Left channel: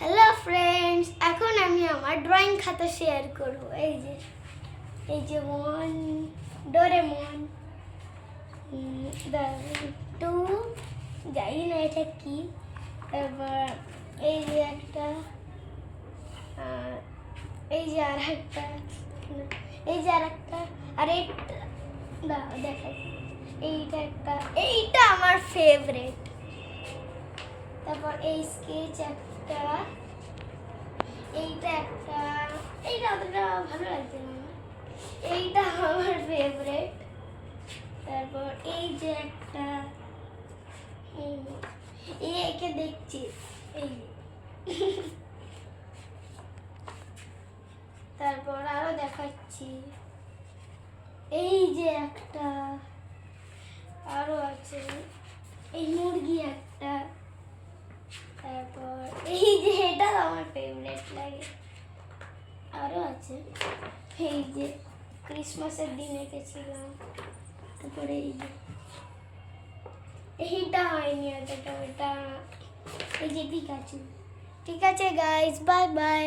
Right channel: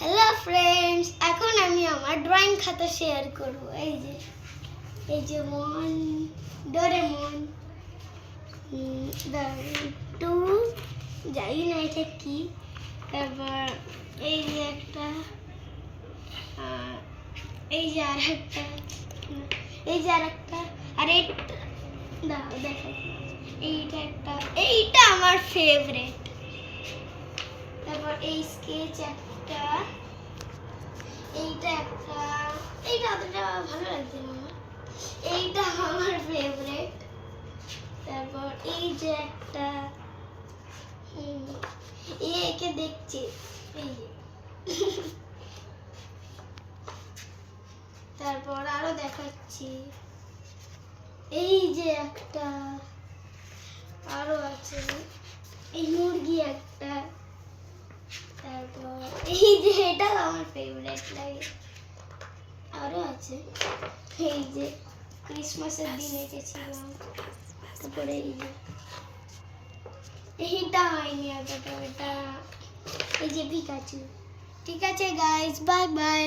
Hello friends, এখন আমি আমার ড্রয়িং খাতা শেয়ার করব। এই যে মন, ডোরেমন, টু, জানি না এটা কি। তারপর এই যে একটা, এই যে আর একটা, এই যে আর একটা, আর এইটা দেখা, এইটা একটা, এইটা আমার ফেভারিট। তারপর এই স্কেচ একটা, এইটা একটা, এইটা অতটা ভালো লাগছে না আমার, এইটা আমার ফেভারিট। তারপর এই যে একটা, একে দেখছি, এই যে তারপর আরো দেখাচ্ছি, এই যে একটা, আরো আছে, এই মুরগি একটা। তারপর এই যে এটা আমার ফেভারিট লাগে, আরো আছে, এই যে ক্রিসমাসের দিন এঁকেছিলাম। তারপরে এই যে এইটা হয়নি এতটা, ওটা এই যে পিকাচু। ঠিক আছে গাইস, বাই বাই।